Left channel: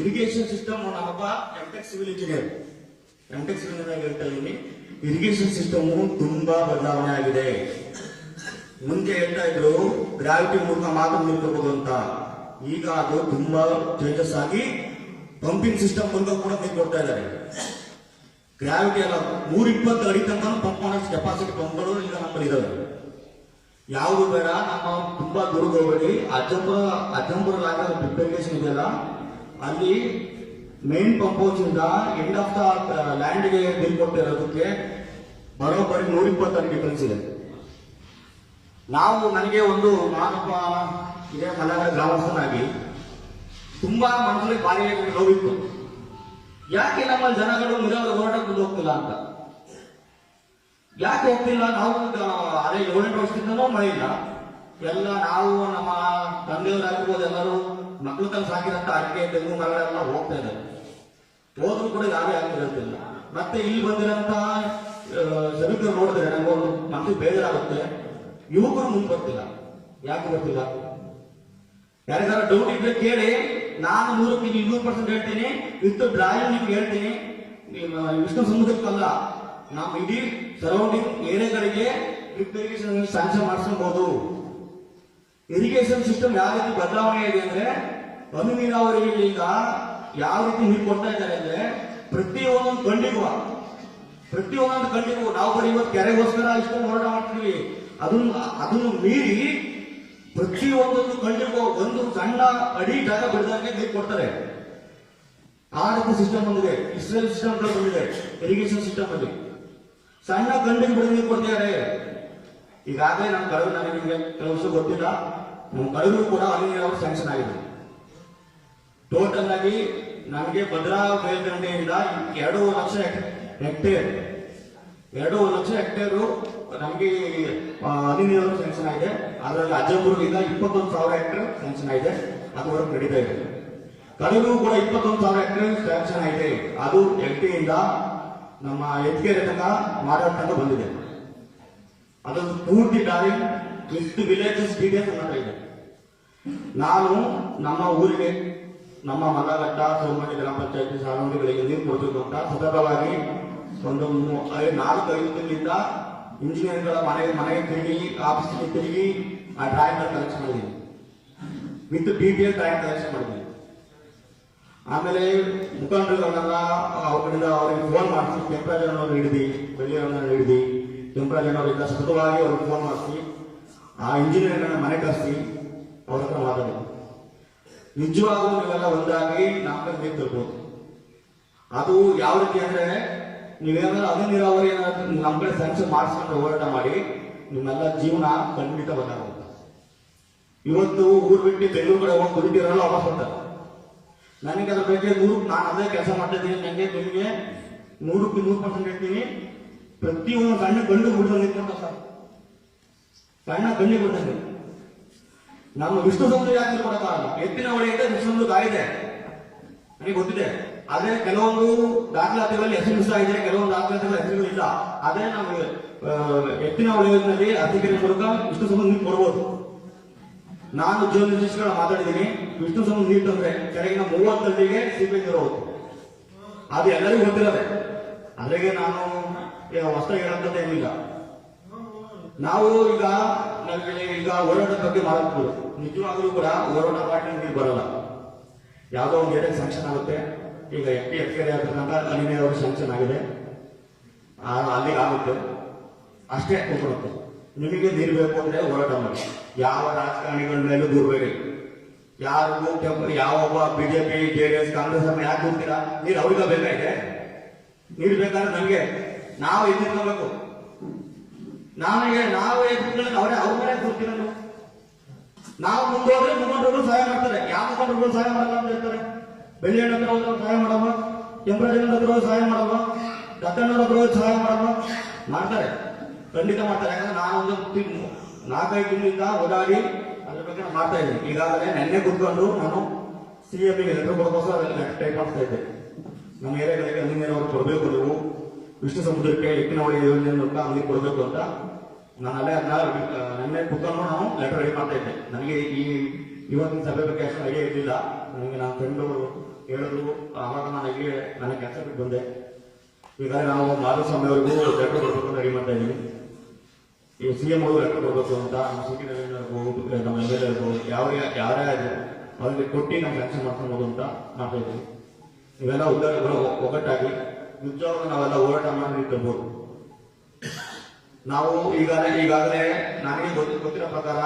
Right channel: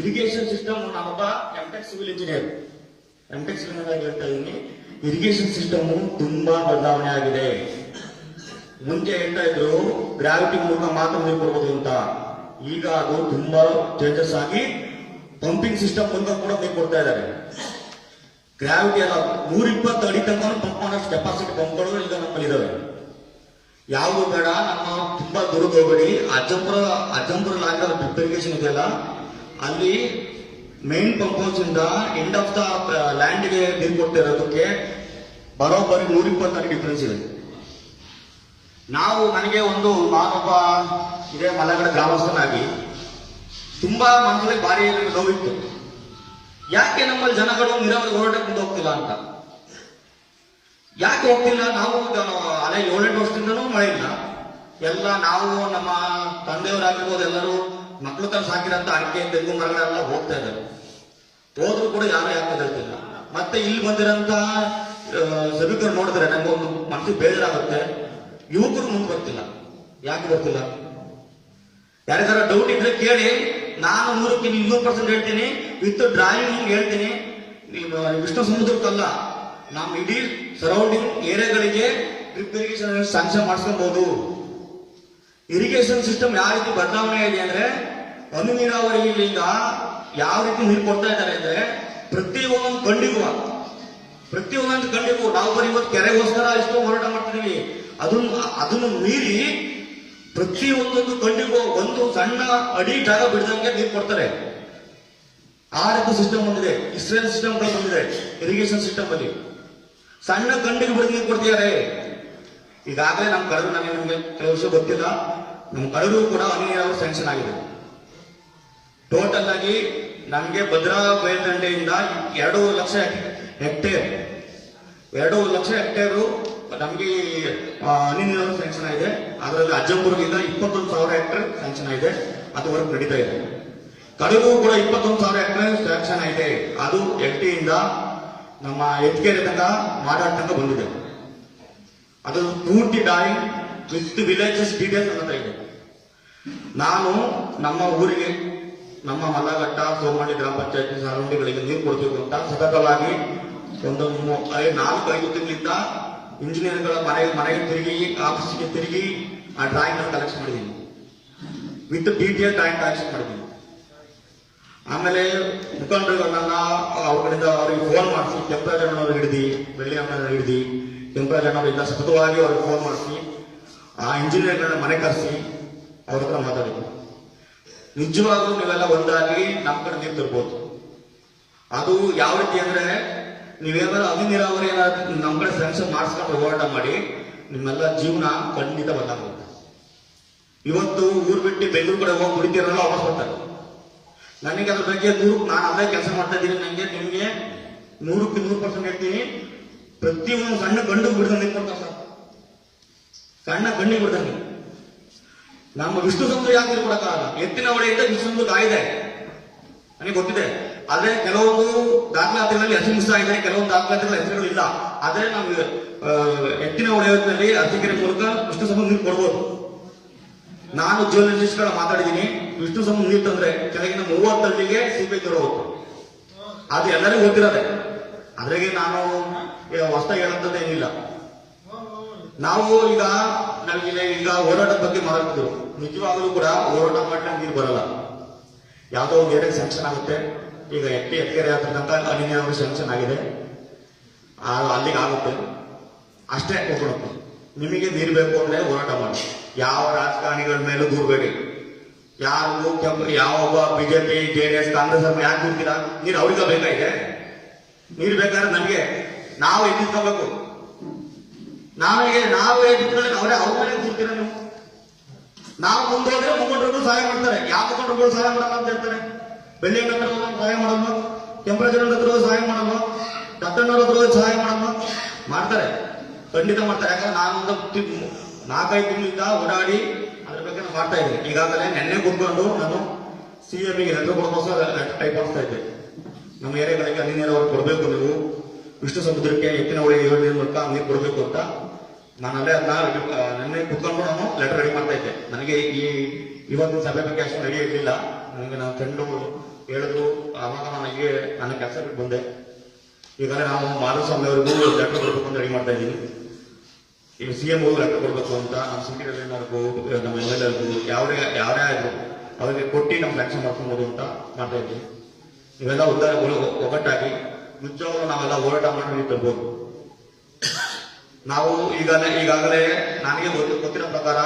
Irrigation system ನಾನೊಬ್ಬ M Tech civil engineer M Tech civil engineer ಹೇಳ್ತಾ ಇದ್ದೀನಿ irrigation system ತುಂಬಾ ಬದಲಾವಣೆ ಆಗಿದೆ. ಮುಂಚೆ ಹೇಳ್ತಾ ಇದ್ರು ಗ್ರಾವಿಟಿ ಮೂಲಕ ಮಾತ್ರ ನೀರು ಕೊಡ್ಬೋದು ಅಂತ. ಈಗ ಅದು ತುಂಬಾ ಚೇಂಜಸ್ ಆಗಿ ಪಂಪಿಂಗ್ ಸಿಸ್ಟಮ್ ಮೂಲಕ ಕೂಡ ನೀರು ಕೊಡ್ತಾ ಇದ್ದಾರೆ. ಗ್ರಾವಿಟಿ ಅಲ್ಲ ನೂರ ಇಪ್ಪತ್ತು ಅಡಿ ತನಕ ಪಂಪ್ ಮಾಡೋಷ್ಟು ಕೆಪಾಸಿಟಿ ಪಂಪ್ಗಳು ಈಗ ನಮ್ಮಲ್ಲಿ ಇದಾವೆ. ಯಾವುದು ಬೇಡ, ನಮ್ಮ ತುಂಬಾ ದೂರ ಹೋಗಬೇಡಿ. Ajjampura Ajjampura long drip irrigation ಇದೆಯಲ್ಲ ಅಲ್ಲಿ ಮೇನ್ ಪಂಪ್ ಹೌಸ್ ಇಂದ ಎಂಡ್ ಆಫ್ ದ ಲ್ಯಾಂಡ್ಗೆ ನೀರು ಕೊಡ್ತಾ ಇರೋದಕ್ಕೆ ಬರೋಬ್ಬರಿ ನೂರ ಇಪ್ಪತ್ತಾರು ಡಿಫ್ರೆನ್ಸ್ ಇದೆ. ನಾವು ನನಗೆ ಒಂದು ನಾನೊಬ್ಬ ಇದೆ ಮಲೆನಾಡ ಗ್ರಾಮಸ್ಥನಾಗಿ ತುಂಬಾ ಮನಸ್ಸಲ್ಲಿ ಭಾರಿ ನೋವಿತ್ತು. ಯಾಕೆ ನಮ್ಮಲ್ಲಿ ಜನಗಳು ನೀರಾವರಿ ಹೋರಾಟಕ್ಕೆ ಮುಂದೆ ಹೋಗ್ತಿಲ್ಲ ಅಂತ? ಯಾಕೆ ಹೋಗ್ತಿಲ್ಲ? ನಾವು ಅದೇ ಏಳೆಂಟು ವರ್ಷದಿಂದನೂ ಮಳೆ ಇಲ್ಲ. ಎಲ್ಲ ನಾವು ನಮ್ಮ ತಂದೆಯವರಾಗಿರ್ಬೋದು ಎಲ್ಲರೂ ಮಕ್ಕಳು ತನ್ನ ಸಾಕಿರಂತ ಅಡಿಕೆ, ತೆಂಗು, ಮರಗಳೆಲ್ಲ ಹೋಗ್ತಾ ಇದ್ದಾರೆ ಹೋದ್ರು ಕೂಡ ಯಾರು ಯಾಕೆ ಹೇಳ್ತಿಲ್ಲ. ಮತ್ತೆ ಇಲ್ಲಿ ಬಂದಿರಂತ ಸಭಿಕರು ನೋಡಿದ್ರೆ ನಂಗೊಂದು ಮನಸ್ಸು ಬೇಜಾರಾಗುತ್ತೆ. ಯುವಕರು ಮುಂದೆ ಬರ್ತಿಲ್ಲ. ಯಾಕೆ ಬರ್ತಿಲ್ಲ? ಯಾರಿಗಾರ ಡೌಟ್ ಇದ್ರೆ ಕೇಳಿ. ನಾನು ನೂರಕ್ಕೆ ಇನ್ನೂರು ಪರ್ಸೆಂಟ್ ಹೇಳ್ತೀನಿ. ವಿತ್ ಡ್ರಾಯಿಂಗ್ ನಿಮ್ಗೆ ಹೇಳ್ತೀನಿ. ವಿಷ್ಣು ಸಮುದ್ರಕ್ಕಲ್ಲ ನಮ್ಮ ಇಡೀ ಸರೌಂಡಿಂಗ್ ಏರಿಯಾಗಳಿಗೆ ಡ್ರಿಪ್ ಇರಿಗೇಷನ್ ಸ್ಯಾಂಕ್ಷನ್ ಮಾಡಿಸ್ಕೊಬಹುದು ಇರಿಗೇಷನ್ ಸಿಸ್ಟಮ್ ಯಾವ ರೀತಿ ಬದಲಾವಣೆ ಇದೆ ಅಂದ್ರೆ ಹನಿ ನೀರಾವರಿ ಈಗ ಯಾವ ರೀತಿ ನೀರು ಕೊಡ್ತಾ ಇದ್ದಾರೆ ಅಂದ್ರೆ ಪ್ರತಿ ಒಂದೊಂದು ಕಂಡಿಗೂ ಪ್ರತಿ ಒಂದೊಂದು ಕಂಡಿಗೂ ನಾವು ಬರೀ ಇವತ್ತು ಕೆರೆಗೋಸ್ಕರ ಇಷ್ಟು ಹೋರಾಟ ಮಾಡ್ತಿದೀವಿ. ಅದನ್ನು ಅದನ್ನು ಮೀರಿ ಪ್ರತಿ ಒಂದೊಂದು ಕಂಡಿಗೂ ಒಂದು ಸಣ್ಣ ಅಡಿ ಜಾಗ ಬಿಡದಂಗೆ ನೀರು ಕೊಡ್ತಾರೆ. ಆ ರೀತಿ ಸಿಸ್ಟಮ್ ಬಂದಿದೆ. ಇಸ್ರೇಲ್ ಸಿಸ್ಟಮ್ಗಳು ಬಂದಿದೆ ಇರಿಗೇಷನ್ ಸಿಸ್ಟಮ್ ಅಲ್ಲಿ. ಸಣ್ಣ ಕಂಡಿಗೆ ಬಿಡದ ನೀರು ಕೊಡ್ತಿದ್ದಾರೆ. ಈಗಾಗಲೇ ನಮ್ಮ ಕಡರು ನನಗೆ ನಿಮಗೆ ಕೆಲವು ವರ್ಷ ಗೊತ್ತಿಲ್ಲ. ನಮ್ಮ ಕಡರು ಕೂಡ ಹನಿ ನೀರಾವರಿ ಸ್ಯಾಂಕ್ಷನ್ ಆಗಿದೆ. ಟೋಟಲ್ ಆಗಿ ನಮಗೆ ಭದ್ರಾ ಮೇಲ್ದಂಡೆಯಿಂದ ಎರಡು ಲಕ್ಷ ಹೆಕ್ಟೇರ್ ಎರಡು ಲಕ್ಷ ಹೆಕ್ಟೇರು ನಮಗೆ ಹನಿ ನೀರಾವರಿ ಸ್ಯಾಂಕ್ಷನ್ ಆಗಿದೆ. ಅದರಲ್ಲಿ ಅಜ್ಜಂಪುರದಿಂದ ಇಪ್ಪತ್ತೊಂದು ಸಾವಿರ ಹೆಕ್ಟೇರ್ ಸ್ಯಾಂಕ್ಷನ್ ಆಗಿದೆ. ಅದುವರೆಗೂ ನಡೀತಾ ಇದೆ. ಕಡಿಮೆ ಕೂಡ ಇಪ್ಪತ್ತೊಂದು ಸಾವಿರ ಹೆಕ್ಟೇರ್ ಸ್ಯಾಂಕ್ಷನ್ ಆಗಿದೆ. ಅದು ಎಲ್ ಟಿಯಿಂದ ನಮ್ಮ ಎತ್ಕೆರೆ ತನಕ ಮಾಡಾಟ ತನಕ ಬಂದಿದೆ. ಅದು ಪೂರ್ತಿ ಡಾಯಿ ವಿತ್ ವಿಲೇಜಸ್ ಡೀಟೇಲ್ಸ್ ಅನ್ನೋದಾಗಿದೆ ಇದೆ. ನಾನು ನಮ್ಮ ಊರಿಗೆ ನಮ್ಮ ಮಲ್ಲಘಟ್ಟ ಸೋಮಳ್ಳಿ ಗ್ರಾಮ ಪಂಚಾಯತಿ ಸರೌಂಡಿಗಳಿಗೆ ನೀರು ಕೊಡಬೇಕು ಅಂತ ಸತತವಾಗಿ ಒಂದು ನಾಲ್ಕು, ಐದು ತಿಂಗಳಿಂದ ಇಂಜಿನಿಯರ್ಗಳ ಮನೆಗೆ ಮನೆಗೆ ತಿರುಗಿ, ಆಫೀಸ್ಗೆ ತಿರುಗಿ ಆ ಡ್ರಾಯಿಂಗ್ ಕಲೆಕ್ಷನ್ ಮಾಡಿದ್ದೀನಿ. ವಿತ್ ಡೀಟೇಲ್ ಡ್ರಾಯಿಂಗ್ ಕಲೆಕ್ಷನ್ ಮಾಡಿದ್ದೀನಿ. ಆಮೇಲೆ ಮುಖಂಡರುಗಳನ್ನೆಲ್ಲ ಅವ್ರ ಕಡೆಯಿಂದ ಅವ್ರಿಗೆ ಫೋನ್ ಮಾಡಿಸಿ ಕೆಂಪರಾಜಣ್ಣವ್ರಿಗೆ ಹಿಡಿದು ಬೆಳ್ಳಿಯವ್ರನ್ನ ಹಿಡಿದು ಕೆಂಪರಾಜಣ್ಣವರಿಂದ ಸತತವಾಗಿ ಅವ್ರಿಗೆ ಫೋನ್ ಮಾಡಿಸಿ, ಆ ಇಂಜಿನಿಯರ್ಗಳನ್ನ ಮನೆ ಕರೆಸಿ ಅವ್ರ ಹತ್ರ ಮಾತಾಡಿದ್ವಿ. ನಿಜವಾಗ್ಲೂ ನೀವೆಲ್ಲ ಒಂದಾಗಿ ನಮ್ಮ ಕಡೆ ನೀರು ಅದು ಯಾವ ರೀತಿ ಅಂದ್ರೆ ನೀವೇನಾದ್ರೂ ಹನಿ ನೀರಾವರಿ ಏನಾದ್ರು ನಮ್ಮ ಕಡೆ ಸ್ಯಾಂಕ್ಷನ್ ಮಾಡಿಸ್ಕೊಂಡು ಹೋರಾಟ ಮಾಡಿ ನಿಮ್ಮೆಲ್ಲ ಜೀವನ ಖಂಡಿತ ಬದಲಾಗುತ್ತೆ ಇವತ್ತು ಊರು ಬಿಟ್ಟು ಬೆಂಗಳೂರು ಕಡೆ ಹೋಗಿ ಕುಡಿತೀರಲ್ಲ ವಾಪಸ್ ಬರ್ತಾರೆ. ನನಗೆ ಅದ್ರ ಬಗ್ಗೆ ನೂರು ನಾನು ಅದೇ ಕೆಲಸ ಮಾಡ್ತಾ ಇದ್ದೀನಿ ನನಗೆ ನಿಮಗೆ ನೂರಕ್ಕೆ ನೂರು ಪರ್ಸೆಂಟ್ ಹೇಳ್ತೀನಿ. ಪ್ರತಿಯೊಂದು ಸಣ್ಣ ಗಂಡು ಬಿಡ್ದಂಗೆ ಸರ್. ಸಣ್ಣ ಗಂಡಿಗೆ ಬಿಡ್ದಂಗೆ ನಮ್ಮ ವಿಷ್ಣು ಸಮುದ್ರ ಯಾಕೆ ಕೊಡಕ್ಕಾಗಲ್ಲ ಎತ್ತಿನ ಹೊಳೆಯಿಂದ ವಿಷ್ಣು ಸಮುದ್ರ ಕಾಯಿದೆ. ನನಗೆ ಗೊತ್ತಿದೆ. ಆದ್ರೆ ಕೆಲವೊಂದು ದಾಖಲಾತಿಗಳಲ್ಲಿ ಹೆಸರು ಮಿಸ್ ಆಗಿದೆ ಕೆಲವೊಂದು ದಾಖಲಾತಿಗಳ ಹೆಸರುಗಳಿಲ್ಲ ಆದ್ರೆ ನಾವು ಎತ್ತಿನ ಹೊಳೆಯಲ್ಲಿ ಅರ್ಜಿಕೆರೆ ಮೂಲಕ ವಿಷ್ಣು ಸಮುದ್ರ ನೀರು ಕೊಡ್ಬೋದು. ನಾನು ಜರ್ನಲಿಸ್ಟ್ಗಳ ಮಾತಾಡಿದ್ದೀನಿ. ವಿಷ್ಣು ಸಮುದ್ರ ನೀರು ತಂದ್ರೆ ಕೆಳಗಿನ ಮೂವತ್ತಳ್ಳಿಗೆ ಸಿಪಿ ನೀರು ಹೋಗುತ್ತೆ. ಅದು ಎಲ್ಲರಿಗೂ ಗೊತ್ತಿರೋದೆ. ಅದ್ರಾಗೆ ನಾನು ಹೊಸದಾಗಿ ಹೇಳಂತದ್ದೇನಿಲ್ಲ ನಾವು ಈಗ ನಮಗೆ ಈಗ ಹೋರಾಟದ ಬಗ್ಗೆ ಮಾತಾಡ್ತಿದ್ರು ನಿಜವಾಗಲೂ ಕೂಡ ಹೋರಾಟ ಮಾಡಿದಾಗ ನೀರು ಬರಲ್ಲ. ಯಾವುದೋ ಒಂದು ಏರಿಯಾಗೆ ಸ್ಯಾಂಕ್ಷನ್ ಆಗುತ್ತೆ. ಈಗ ಎಟ್ಟಿ ಎತ್ಕೆರೆ ಹತ್ರ ತನಕ ಹನಿ ನೀರಾವರಿ ಸ್ಯಾಂಕ್ಷನ್ ಆಗಿದೆ. ಅಲ್ಲಿಗೆ ಆಗುತ್ತೆ. ಅಷ್ಟೇ ಹೋಗ್ಬಿಡುತ್ತೆ ನಿಮಗೆ ನೀರು ಬೇಕು ಅಂದ್ರೆ ಹೋರಾಟ ಮಾಡಿ. ಯಾವ ರಾಜಕಾರಣಿಗಳ ಮೇಲೂ ದೂರಬೇಡಿ ಯಾರು ಕೆಂಪು, ಯಾವ BJP, J D S, Congress ಅವ್ರು ಯಾಕೆ ದೂರ್ತೀರಾ ನೀರು ಅವ್ರಿಗೆ ಬೇಕಾಗಿದೆ. ನೀರು ಬೇಕಾದ್ರೆ ನಮಗೆ. ನಾವು ಎದ್ದಿಟ್ಕೋಬೇಕು ನಾವೇ ನಾವೇ ಎದ್ದಿಟ್ಕೊಂಡ್ರೆ ಅವರೇ ಅವ್ರ ಮೇಲೆ ದೂರ್ತೀರ ನೀವು ಮುಂದೆ ಹೋದ್ರೆ ಮುಖಂಡರುಗಳು ಸಹಾಯ ಮಾಡ್ತಾರೆ. ಯಾವ ಮುಖಂಡರುಗಳು ಸಹಾಯ ಮಾಡಲ್ಲ ಅಂತ ಹೇಳ್ತಾರೆ? ಬೆಳ್ಳಿಯಣ್ಣ ಹತ್ರ ಹೋದ್ರೆ ಸಹಾಯ ಮಾಡಲ್ವ? ಕೆಂಪರಾಜನ ಹತ್ರ ಸಹಾಯ ಮಾಡಲ್ವ? ದತ್ತಣ್ಣವ್ರ ಹತ್ರ ಸಹಾಯ ಮಾಡಲ್ವ? ಮಾಡ್ತಾರೆ. ಖಂಡಿತ ಮಾಡ್ತಾರೆ. ಯಾಕಂದ್ರೆ ನಾನು ಒಂದು ತಿ- ನಾಲ್ಕೈದು ತಿಂಗಳಿಂದ ಓಡಾಡಿ ಅದ್ರ ಬಗ್ಗೆ ನಾನು ಮಾಡ್ತಾ ಇದ್ದೀನಿ. ಈಗಾಗಲೇ ನೆನ್ನೆ ಕೂತ್ಕೊಂಡು ನಾನು ಸಿ ಎಮ್ಗೆ ಹೆಸರು ಕೊಡೋಕೋಸ್ಕರ ಅದನ್ನು ಟೈಪ್ ಮಾಡ್ತಾ ಇದ್ದೆ ನಮ್ಮ ಏರಿಯಾಗಳಿಗೆ ಹನಿ ನೀರಾವರಿ ಕೊಡಬೇಕು ವಿಷ್ಣು ಸಮುದ್ರಕ್ಕೆ ಎತ್ತಿನ ಹೊಳೆ ಯೋಜನೆ ಮೂಲಕ ನೀರು ಕೊಡಬೇಕು ಅಂತ ನಾನು ಅಲ್ಲೇ ಅದನ್ನ ನೆನ್ನೆ ಕುತ್ಕೊಂಡು ನಾನು ಲೆಟರ್ ರೆಡಿ ಮಾಡ್ತಾ ಇದ್ದೆ. ನನಗೆ ಈ ಇವತ್ತಿನ ಸಭೆ ಬಗ್ಗೆ ಅಷ್ಟೊಂದು ಐಡಿಯಾ ಇರಲಿಲ್ಲ. ನನಗೆ ನಾನು ಫ್ರೆಂಡು ಹೇಳಿದ್ರು, ಆವಾಗ ನನಗೆ ನನ್ನ ಕೆಲಸ ಬಿಟ್ಟು ಬಂದೆ. ಈಗಲೇ ನಾವು ಮಾಧುಸ್ವಾಮಿ ಅವರಿಗೂ ಲೆಟರ್ ಕೊಡಬೇಕು ಅಂತ ರೆಡಿ ಮಾಡ್ತಾ ಇದ್ದೀನಿ. ಈ ಸಿ ಎಂ ಲೆಟರ್ ಕೊಡಬೇಕು ಅಂತ, ನಮ್ಮ ಸಿಟಿ ರವೀನರ್ಗೂ ನಮ್ಮ ಎಂ ಎಲ್ ಎಲ್ಗೂ ಯಾರೇ ಆದ್ರು ಅವರಿಗೆ ಕೊಟ್ಟು ನಮ್ಮ ವ್ಯಾಕ್ಸಿನ್ ಮಾಡ್ಕೊಬೋದು ಅಂತ ಮಾಡ್ತಾ ಇದ್ದೀನಿ. ಇವೆಲ್ಲ ಉದ್ದಾರ ಒ- ಒಗ್ಗಟ್ಟಾಗಿ ನಿಜವಾಗ್ಲೂ ನಾವೆಲ್ಲ ಹೋರಾಟ ಮಾಡಿ ತರ್ಬೋದು ನಾವು ಈಗಾಗಲೇ ಈಗಾಗಲೇ ನನಗೆ ಗೊತ್ತು ಗೊತ್ತಿರೋ ಪ್ರಕಾರ